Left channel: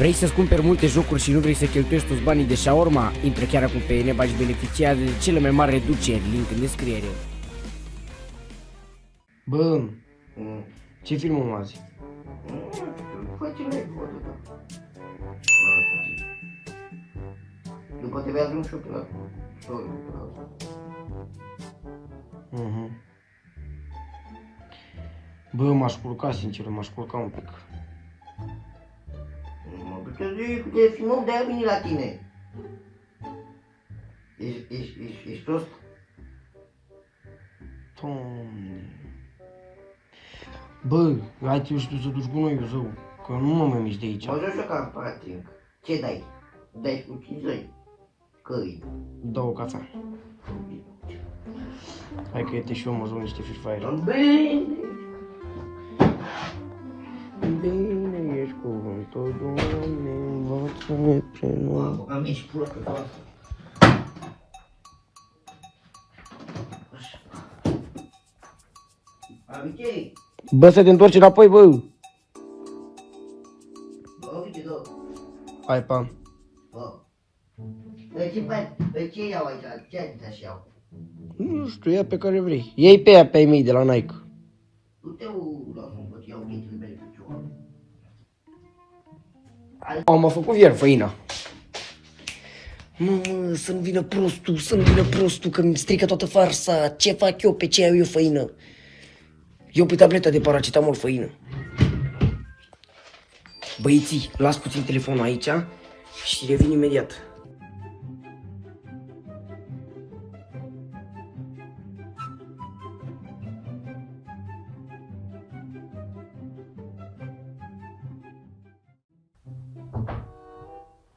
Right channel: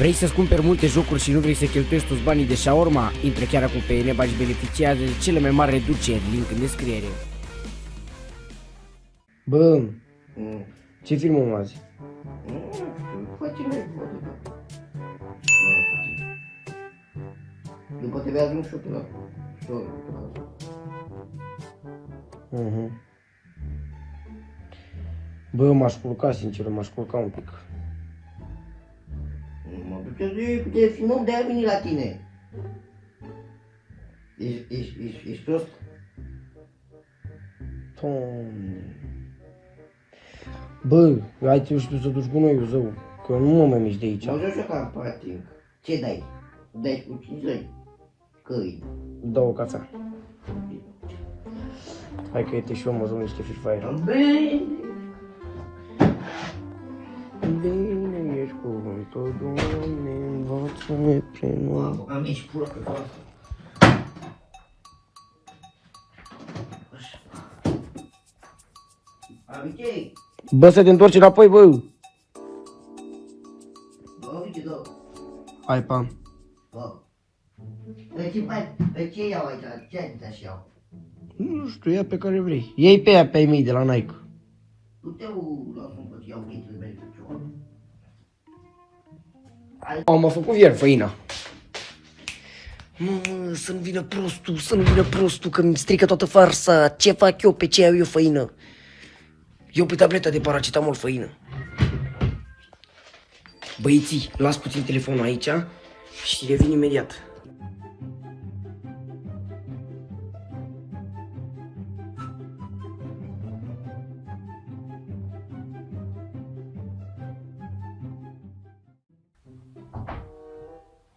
Vrei să-ți cumperi multe jocuri și nu vrei să cheltuiești toți banii de shawarma? Intră chiar acum pe Eneba și beneficiază de cele mai mari reduceri, link în descriere. Bă, ce film am azi? După te vezi un șoc la Bă, m-aș culca, sincer, m-aș culca un pic. Puteți fi mult, de-aia vine la tine. Ești prost? Doamne. Bă, hai tu și tu să duci gunoiul zău, că nu mă mai mișc de aici. Mă joc și ca patric. Ce dai? Dai cu 50? Căi. Dau o cafea. Hai că uite și eu mă joc niște Free Fire. Bine! Bine ești cuvântul, Doamne, învață-ne pe noi. Am aici prostă ca asta. Abicei! Bă, să te întorci înapoi, bă! Bă, uite, dă! Hai, pa! Bă! Ce iau aici? Ce adidas iau? Nu știu, ia pe care vrei. Iei pe ea pe ai mei de la Nike. Du-te la sunt că iau ghețele mele pe cioară. M-a făcut ieri făina. Mă, să-mi vină prostul, că mi strică toată farsa. Ce fac eu, pe ce iau eu făină? Eu pe tableta de paracetamol făină. Băieții, las puțin telefonul aici și revin imediat.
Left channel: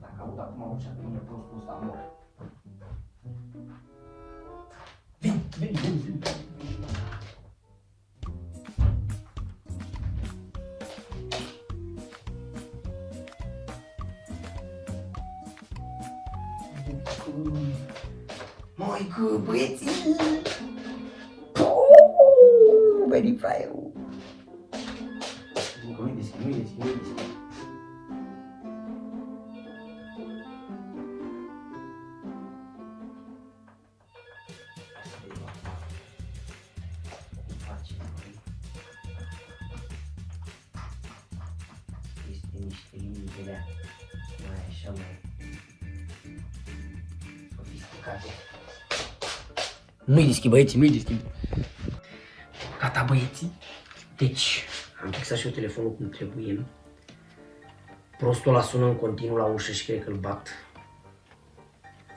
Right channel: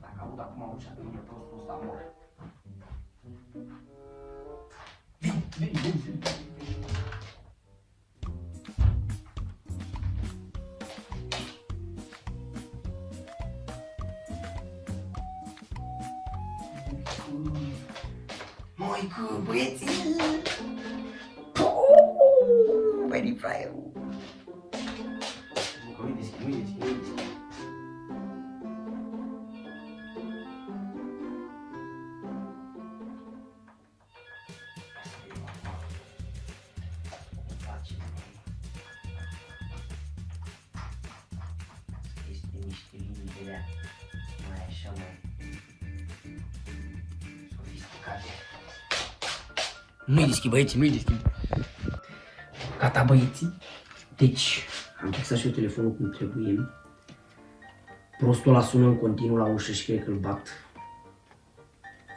Dacă aud acum ușa pe mine prostul ăsta mor. Măică, băieții! Very fraierul! Nu-i deschid. Este niște linii de alea, mai așa, mai sofisticate. Nu-i deschid, băieții, nu-i deschid. Gata, băieții. Deci, am fixat și eu telefonul cum trebuie. Prostul ăla sună în continuu la ușă și cred că îl bat.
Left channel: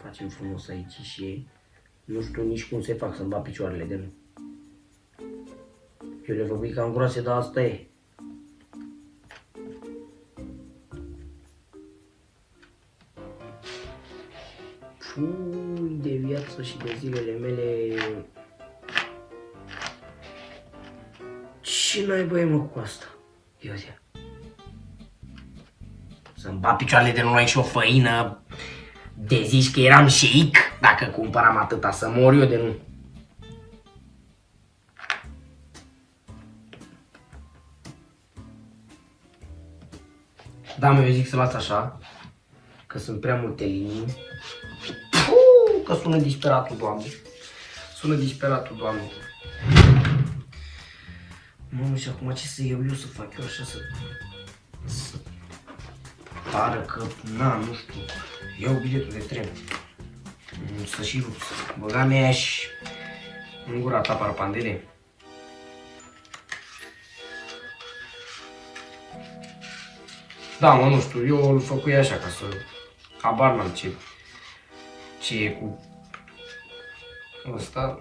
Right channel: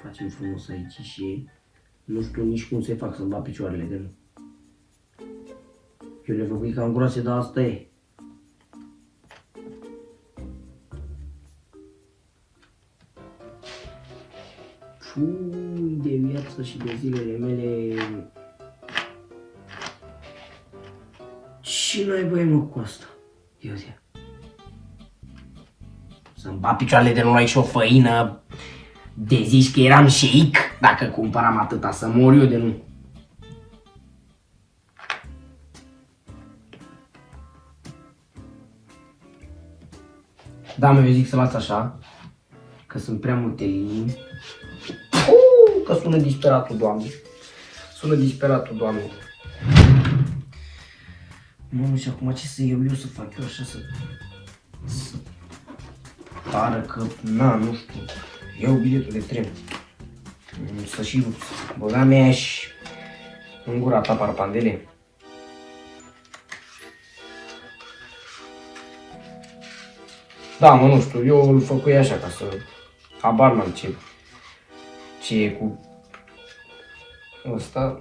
Facem frumos aici și nu știu nici cum se fac să-mi bat picioarele de nu. Eu le făcui cam groase, dar asta e. Fui de viață și de zilele mele. Ce naiba e, mă, cu asta? Ia zi. Să-mi bat picioarele de nu ai și o făină. De zici că eram șeic dacă cumpăram atâta, să mor eu de nu. Da, mă, eu zic să las așa, că sunt prea multe linii. Că sună disperatul, Doamne. Sună disperatul, Doamne. Nu știu acum ce să iau eu, să fac eu așa, să pară că, na, nu știu. Iau biletul de tren. Să și băga mea și în gura ta parpandele. Da, mă, nu știu, eu îl făcui așa ca să habar n-am ce e cu ăsta,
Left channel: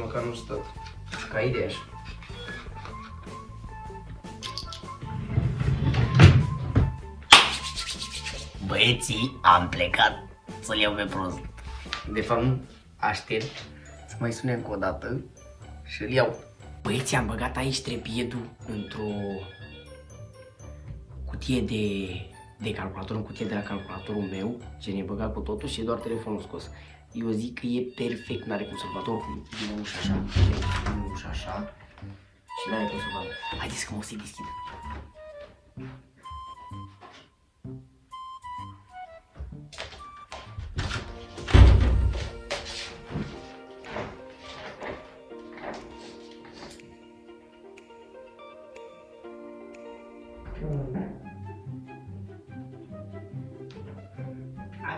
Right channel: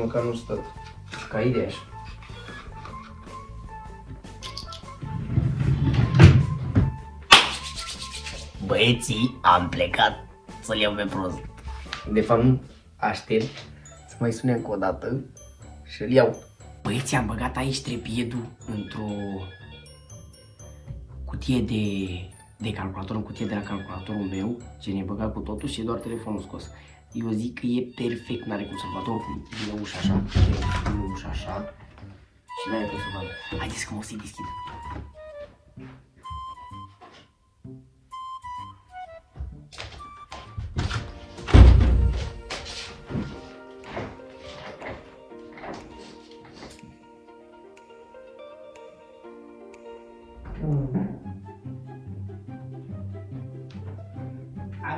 măcar nu stă ca idee așa. Băieții, am plecat să-l iau pe prost. De fapt nu, aștept să mai sune încă o dată și îl iau. Băieții, am băgat aici trepiedul într-o cutie de calculator, în cutie de la calculatorul meu, ce ne-e băgat cu totul și e doar telefonul scos. Eu zic că e perfect, n-are cum să-l vadă, oricum vine ușa așa, vine ușa așa și n-are cum să vadă. Haideți că mă o să-i deschid.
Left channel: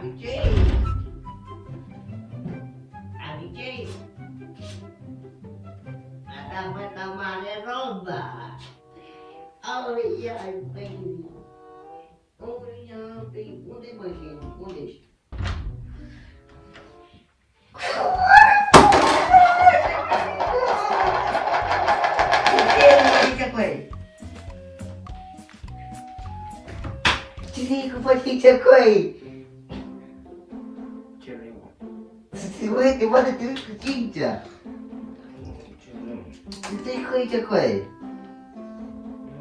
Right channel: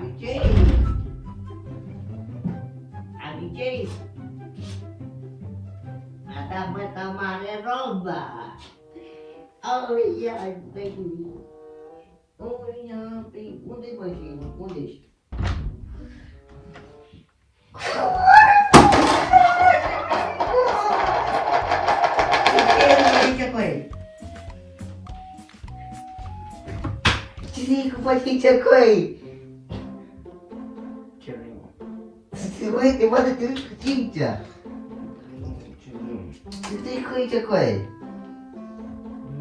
Amicei! Amicei! Ada măta mare roba! Ai, ai, băi! Unde mă și unde ești? Ce coi? Ce cu pătiță coi? Ce vrei, mă? Se voi te vadă te uiți cu cincea. Ce vrei? Ce te-ai coi ce coi?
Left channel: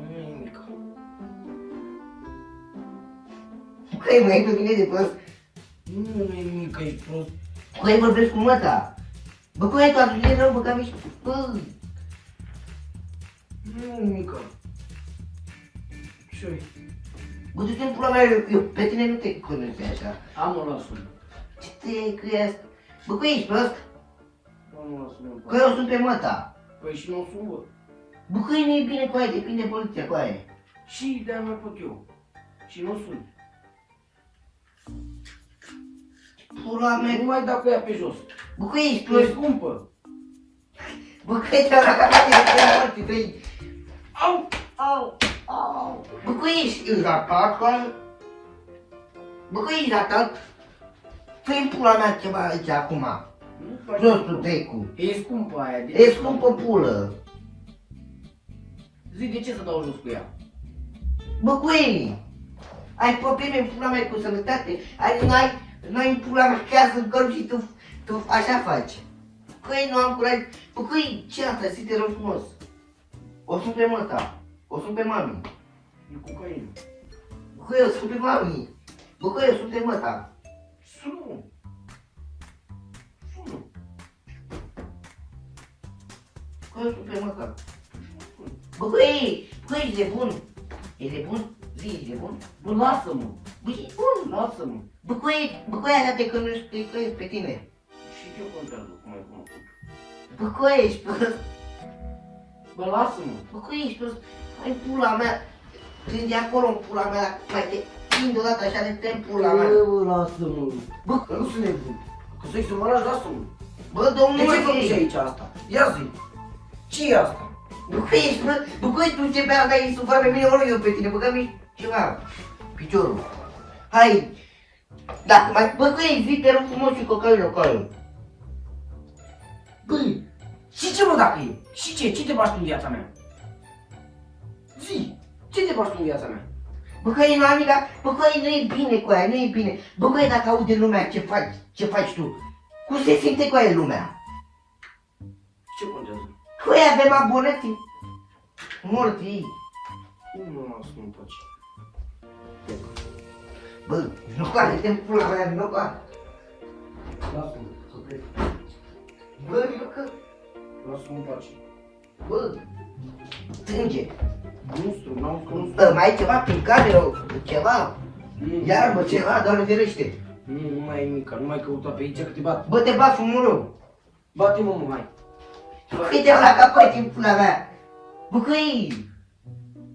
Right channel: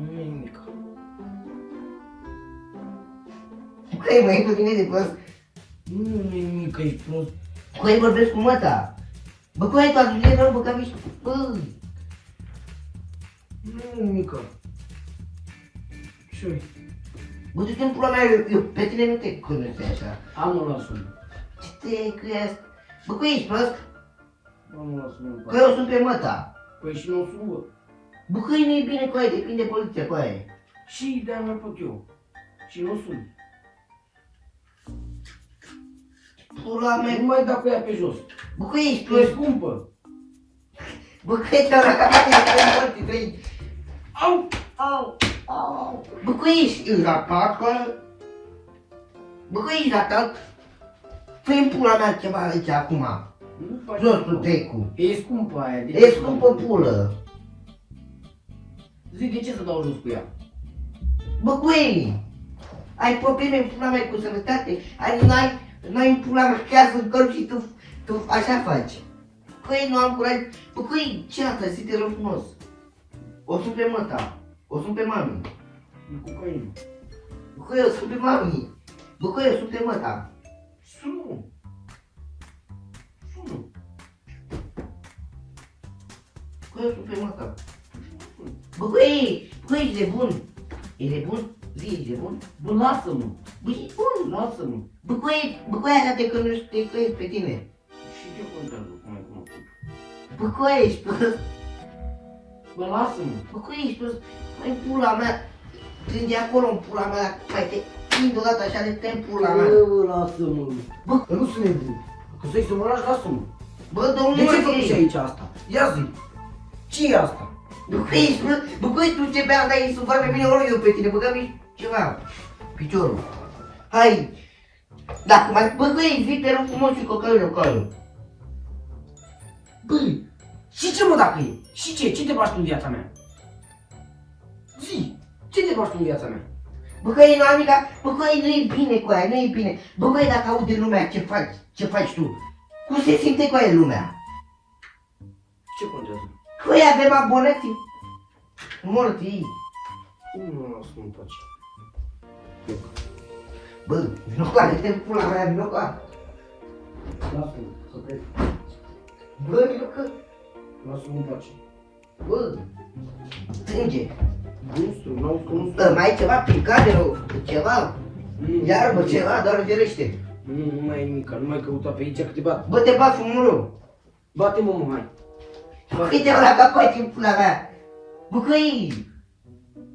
Nu e nimic. Coi mă, ești pe mine de prost? Nu e nimic, ești prost. Coi vorbesc cu măta. Bă, coi, tu atunci e rău, bă, că am ieșit. Bă, Nu e nimic. Ce? bă, du-te în pula mea, eu pe tine nu te cunosc așa. Am o lasă. Ce te-ai cu asta? Bă, coi, ești prost? Nu lasă, nu Coi, eu sunt pe măta. Păi și nu sunt, bă. Bă, coi, nu-i bine, coi, depinde de poliția, coi. Și de-aia mai pot eu. Și nu sunt. Pula mea, Nu mai dau cu ea pe jos. bă, coi, ești E prost? scumpă. Bă, coi, te-au racat de morți, coi. Au, au, au. Bă, coi, ești ratat, coi? Bă, coi, ești ratat? Fă-i pula mea ceva aici, acum. Nu faci. Jos tu, tecu. E scumpă aia. De E scumpă pulă. Zi, de ce să dau jos cu ea? Bă, coi, ai probleme în pula mea cu sănătate? N-ai în pula mea casă în corp și tu așa faci. Coi, nu am curaj. Bă, coi, ce asta? Zi, te rog frumos. O sun pe măta. O sun pe mami. E cocaină. Bă, coi, o sun pe mami. Bă, coi, o sun pe măta. Sună. Sună. Coi, o sun pe măta. Bă, coi, ești de bun. E de bun? Zi, ești de bun? Bă, lasă-mă. Bă, e bun. Lasă-mă. Bă, coi, arată că nu știu pe tine. Și ce contează cum ai cunoscut? Bă, coi, ești prost. Bă, lasă-mă. Bă, coi, ești prost. Hai, pula mea. Când e acolo în pula mea, mai te prind deodată așa de te în pula mea. Bă, lasă-mă. Bă, Că nu sunt nebun. Că să-i supărași, lasă-mă. bă, De domnule, ce făcuși aici asta? Ia zi. Ce e asta? Bă, coi, ești prost. Bă, coi, tu ce bea, dai supărat pe mine, ori eu pe tine. Bă, că mi ceva. Piciorul. Hai. Dacă mai, bă, coi, zi, te rog frumos și cocaină, cocaină. Băi, și ce mă dacă e? Și ce? Ce te bași tu în viața mea? Zi, ce te bași tu în viața mea? Bă, coi, nu, amica, bă, coi, nu e bine cu aia, nu e bine. Bă, coi, dacă aude lumea ce faci tu, cum se simte cu aia lumea? Ce contează? Coi, avem abonații. Morți. Nu mă las, nu-mi place. Bă, vino cu aia, te-mi pula mea, vino cu aia. Lasă-mă, să plec. Bă, vino că, Lasă-mă, nu-mi place. bă, strânge. Monstru, n-au cunoscut. Mai ai ceva picare, ceva? Iarbă, ceva, doar verește. Nu mai e nimic, nu mai căuta pe aici că te bat. Bă, te bat fumurul. Bate-mă, mă, hai. Uite-te la capăt în pula mea. Bă, căi,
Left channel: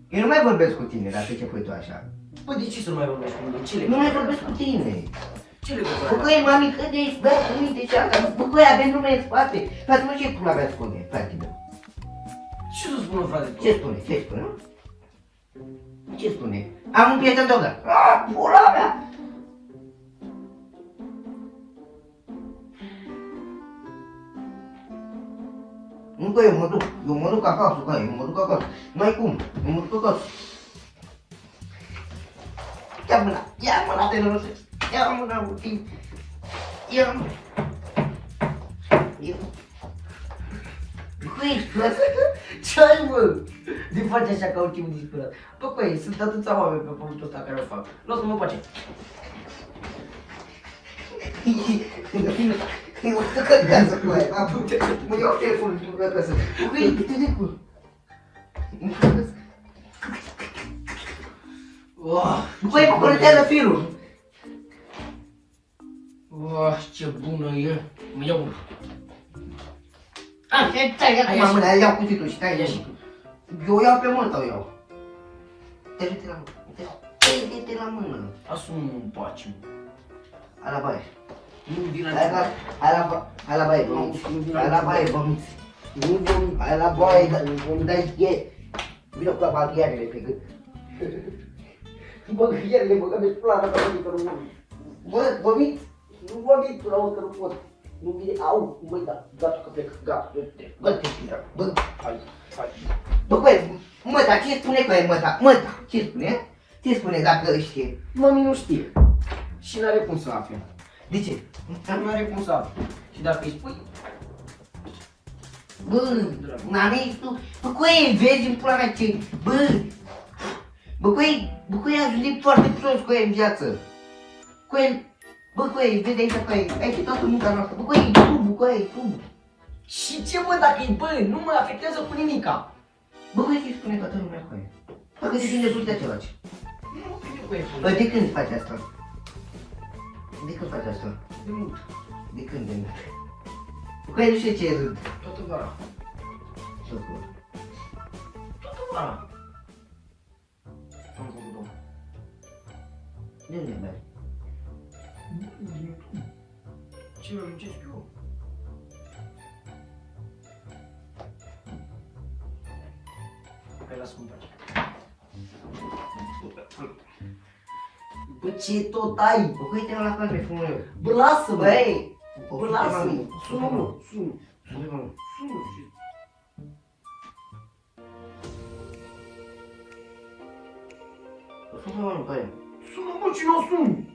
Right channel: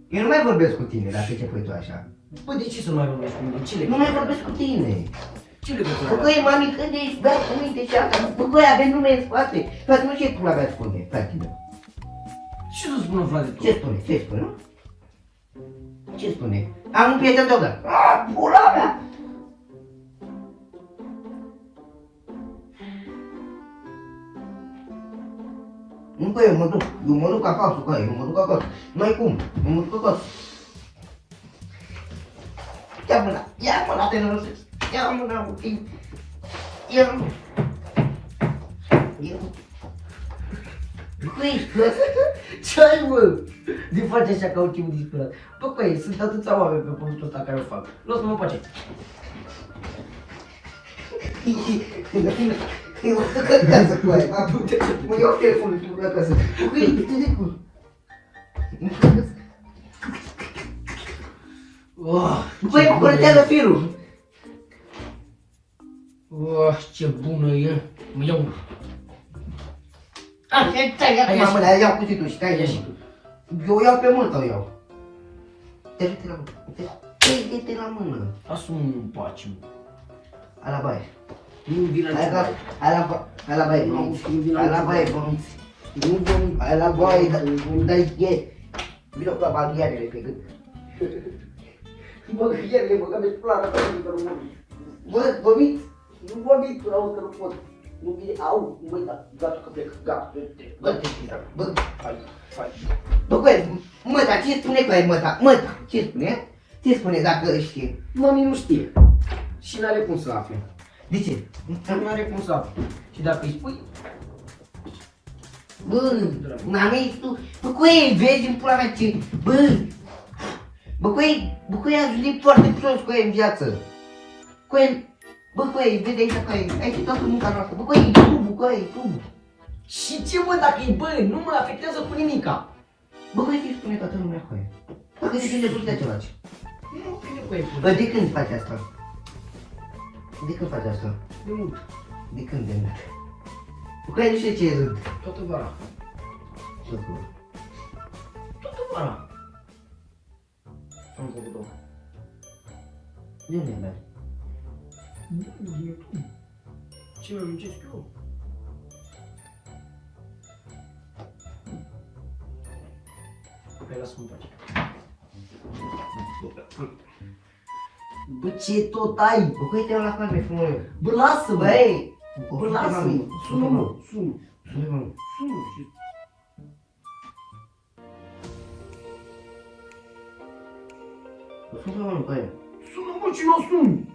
eu nu mai vorbesc cu tine dacă ce pui tu așa. Bă, de ce să nu mai vorbești cu mine? Ce Nu legătură? mai vorbesc cu tine. Ce Bă, legătură? căi, mami, când ești bea cu minte și asta? Bă, căi, avem nume în spate. Frate, nu ce pula mea spune, frate meu. Ce să spună, frate? Ce spune? Ce spune? Ce spune? Am un prieten dogă. Pula mea! Nu, bă, eu mă duc acasă, bă, eu mă duc acasă. N-ai cum, eu mă duc acasă. Ia mâna, te nerosesc. Ia mâna, mă, ia mâna. Bă, ești prost? Ce ai, mă? De faci așa ca un timp disperat. Bă, păi, sunt atâția oameni pe pământul ăsta care o fac. Lasă-mă în pace. Eu mă duc acasă cu aia. Mă iau telefonul și mă duc acasă. Băi, te de cu. Băi, mă curățează firul. Ce bună e. Mă iau. Stai, ia acum mâna, iau cuțitul și stai, Ia ia și și tu. eu iau pe mână, o iau. Te la mână. Te la mână. Lasă-mă în pace, mă. Ala baie. Nu vin la Ala baie, vomit. Ala baie, vomit. Nu vomit, ala baie, dar e. Vino cu baghearele pe gât. Baghearele, băgăm de plană, bă, vomit. Nu vomit, până la urmă, nu pot. Nu vine, au, băi, da, gata, că plec, gata, bă, bă, bă, mă, dar ce spune cu aia, mă, ce spune? Ce spune dacă știe? Mami nu știe. Și n-are cum să afle. De ce? Nu are cum să afle. Și dacă îi spui, Bă, mami, tu, bă, cu ei, vezi în pula mea ce, bă, cu ei am julit foarte prost cu ei în viață. Cu ei, bă, cu ei, vezi aici cu ei, aici e toată munca noastră, bă, cu ei, tu. și ce mă dacă e bă, nu mă afectează cu nimica. Bă, cu ei, ce spune toată lumea cu ei? Bă, că de când ne duci ceva ce? Nu vine cu ei. Bă, de când faci asta? De când faci asta? De mult. De când de mult? Bă, cu ei, nu știu ce e rând. Toată vara. Ce acolo? Toată vara. Am făcut două. De unde mergi? Nu, vine tu. Ce mă muncesc eu? Hai, lasă-mă în pace. Bă, ce tot ai? Bă, cu ei, te-au la palme, frumos. Bă, lasă-mă! Băi! Bă, lasă-mă! Sună-mă! Sună! Sună-mă! Sună! Sună-mă, nu, care? Sună-mă, ce n-o sun!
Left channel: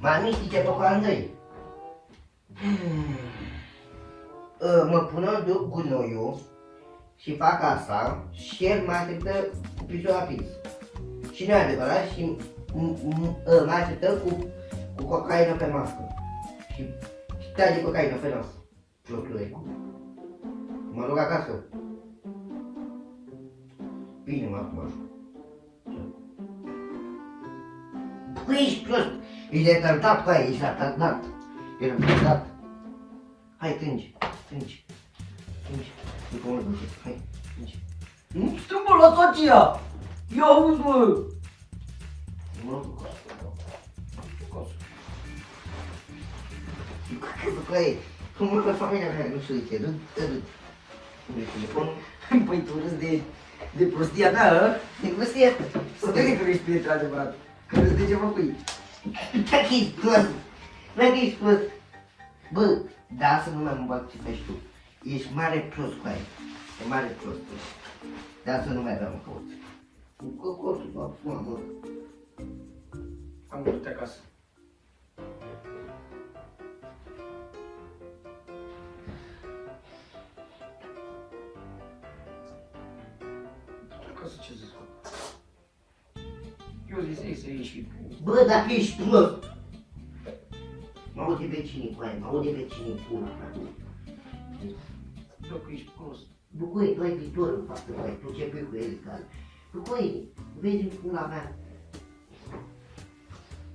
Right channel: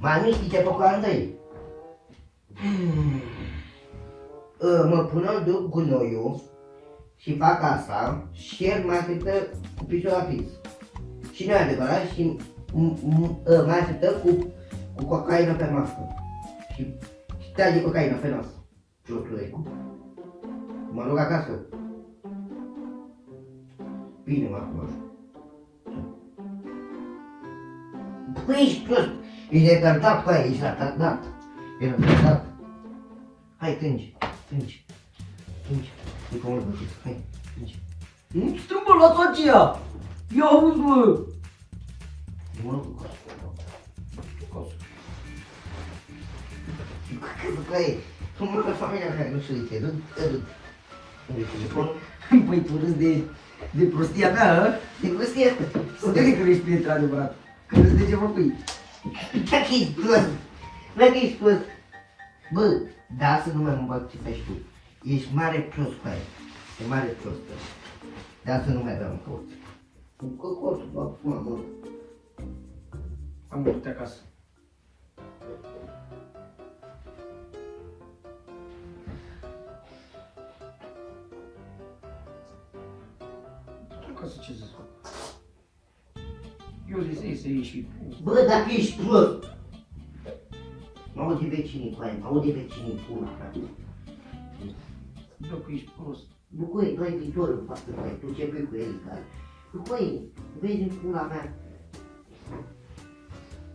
Mami, știi ce fac Andrei? Mă pun duc gunoiul și fac asta și el mă așteptă cu piciorul la pix. Și nu e adevărat și mă așteptă cu cocaină pe masă. Și stea de cocaină pe nas. Cioclăicu. Mă duc acasă. Bine, mă acum. Păi ești prost. Ești retardat pe aia, ești retardat. Ești retardat. Hai, trângi. E comod, bă, hai, trângi. Nu stăm, bă, la toate ea! Ia auzi, bă! Mă rog cu coasă. Bă, ei, tu mă pe familia mea, nu știu de ce, râd. Păi tu râzi de prostia ta, hă? De prostia asta. Să te că ești prieten adevărat. Că râzi de ce mă pui. Dacă ești prost. Dacă ești prost. Bă, da, să nu mai mă bag ce faci tu. Ești mare prost cu aia. E mare prost. Dar să nu mai vreau în cort. În cortul, bă, până, bă. Am văzut acasă. Acasă ce să fac? Eu zic să ieși. Bă, dacă ești prost. Mă aude vecinii cu aia, mă aude vecinii pula, frate. Dacă ești prost. Bă, băi, tu ai viitor în față, băi, tu ce pe cu el, care? Bă, băi, vezi în pula mea.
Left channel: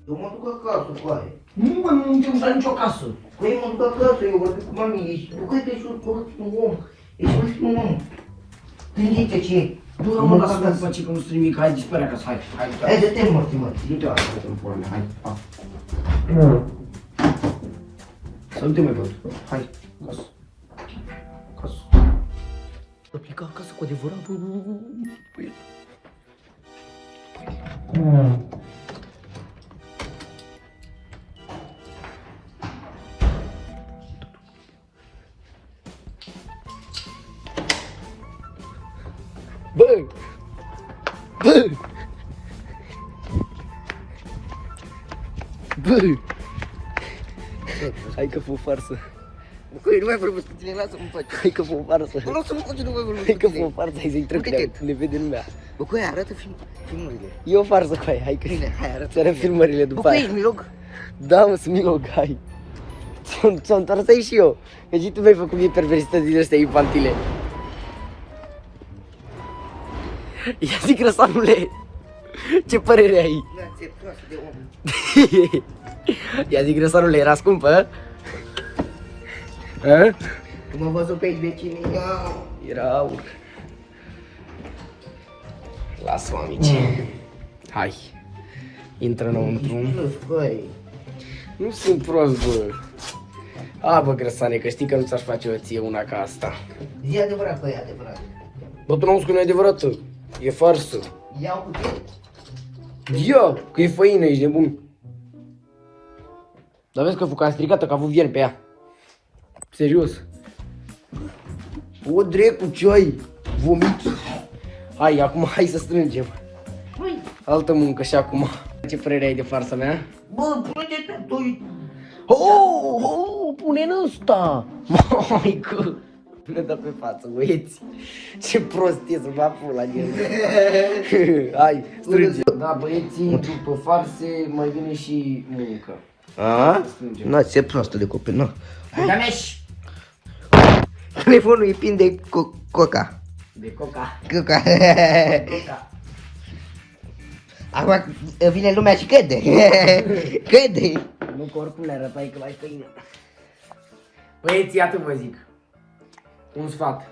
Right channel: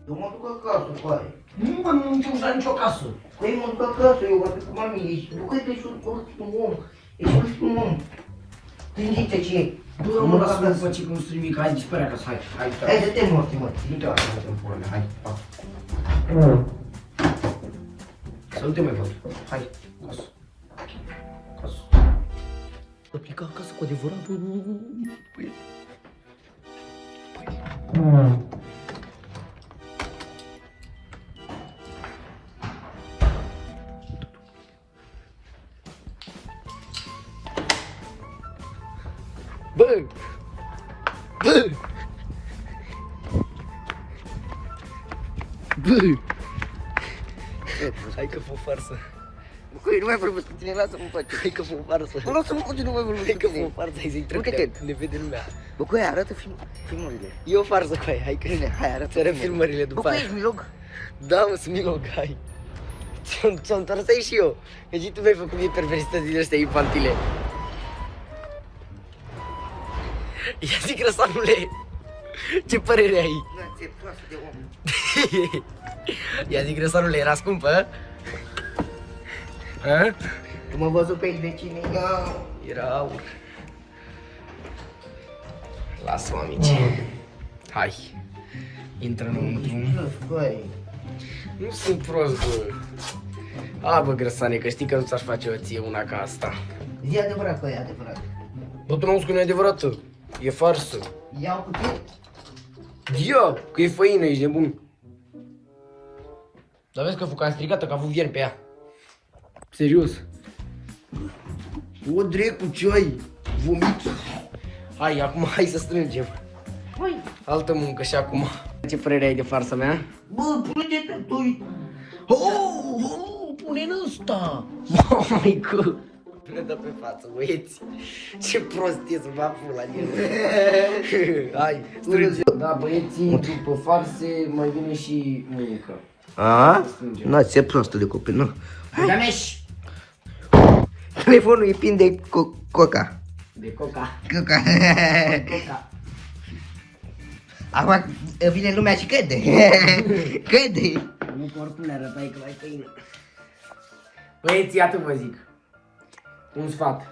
Eu mă duc acasă cu aia. Nu, bă, nu te uita nicio casă. Băi, mă duc acasă, eu vorbesc cu mami, ești, bă, tu ești un om. Ești un om. Gândește ce e. Bă, mă, lasă-mă în pace că nu sunt nimic, hai, dispare acasă, hai. Hai, dă-te morți, mă. Nu te lasă în pula mea, hai, pa. Să nu te mai văd. Hai, acasă. Acasă. Să pleca acasă cu adevărat, bă, păi. Bă! Bă! Bă! Hai că fă farsă. Băi, nu mai vorbesc cu tine, lasă-mă în pace. Hai că fă farsă. Lasă-mă cu tine, nu mai vorbesc Hai cu că tine. fă farsă, hai să-i trec, ne vede lumea. Bă, cu aia, arată filmurile. E o farsă cu aia, hai că Bine, hai, arată. ți arăt filmările Bă, după cu aia. aia, miroc. Da, mă, sunt milog, hai. Ți-o întors aici și eu. Că și tu mi-ai făcut mie perversități din astea infantile. Ia zic răsanule. Ce părere ai? Da, ce proastă de om. Ia zic, grăsarule, era scumpă? A? Tu mă văzut pe vecinii, da. Era aur. Lasă-mă, amici. Hai. Intră înăuntru. Băi. Nu sunt prost, bă. A, bă, grăsane, că știi că nu ți-aș face o ție una ca asta. E adevărat, băi, adevărat. Bă, tu n-auzi că nu e adevărată. E farsă. Iau cu ce? Ia, că e făină, ești nebun. Dar vezi că fuca stricată, că a avut vierni pe ea. Serios. O drecu, ce ai? Vomit. Hai, acum hai să strângem. Băi, Altă muncă și acum. Ce părere ai de farsa mea? bă, pune-te tu. Pune în ăsta. Maică. Ne dă pe față, băieți. Ce prost e să mă pula din el. Hai, strânge. Da, băieții, după farse mai vine și muncă. A? Na, ce prostă de copil, nu. Ganeș! Telefonul e plin de coca. De coca. Coca. Coca. Acum vine lumea și căde. Căde. Nu că oricum le arătai că l-ai făină. Băieții, atât vă zic. Un sfat.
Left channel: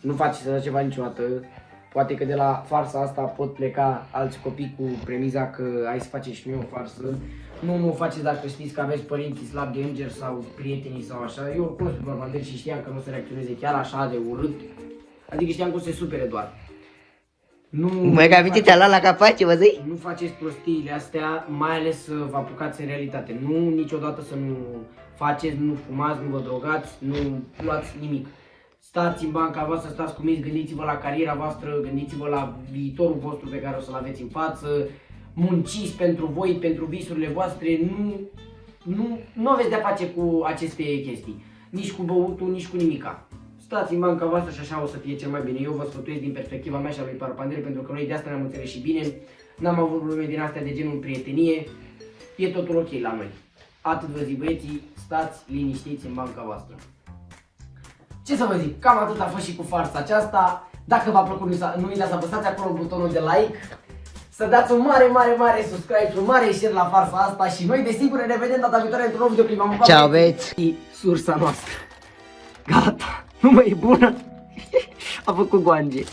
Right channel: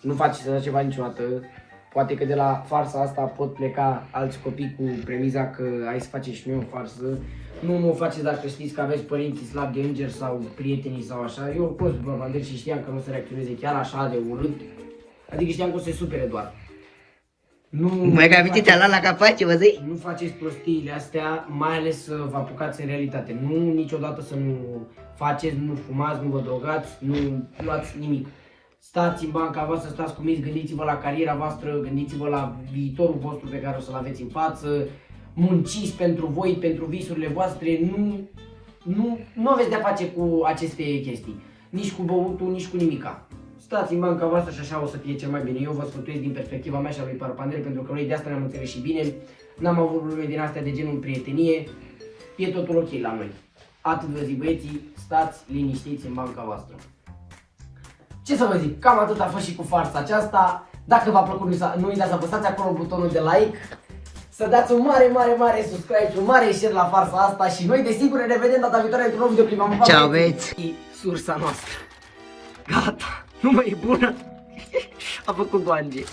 Nu faceți așa ceva niciodată. Poate că de la farsa asta pot pleca alți copii cu premiza că hai să faceți și noi o farsă. Nu o faceți dacă știți că aveți părinții slabi de îngeri sau prietenii sau așa. Eu oricum sunt cormander și știam că nu se reacționeze chiar așa de urât. Adică știam că o să se supere doar. Mai că aminte ți-a luat la capace, vă zic? Nu faceți prostiile astea, mai ales să vă apucați în realitate. Nu niciodată să nu faceți, nu fumați, nu vă drogați, nu luați nimic. Stați în banca voastră, stați cuminți, gândiți-vă la cariera voastră, gândiți-vă la viitorul vostru pe care o să-l aveți în față, munciți pentru voi, pentru visurile voastre, nu aveți de-a face cu aceste chestii, nici cu băutul, nici cu nimica. Stați în banca voastră și așa o să fie cel mai bine. Eu vă sfătuiesc din perspectiva mea și a lui Parapandel, pentru că noi de asta ne-am înțeles și bine, n-am avut probleme din astea de genul prietenie, e totul ok la noi. Atât vă zic, băieții, stați liniștiți în banca voastră. Ce să vă zic, cam atât a fost și cu farsa aceasta. Dacă v-a plăcut, nu uitați să apăsați acolo butonul de like, să dați un mare subscribe, un mare share la farsa asta și noi desigur ne revedem data viitoare într-un nou videoclip. Ciao, băieți! Sursa noastră. Gata, nu mai e bună. A făcut goange.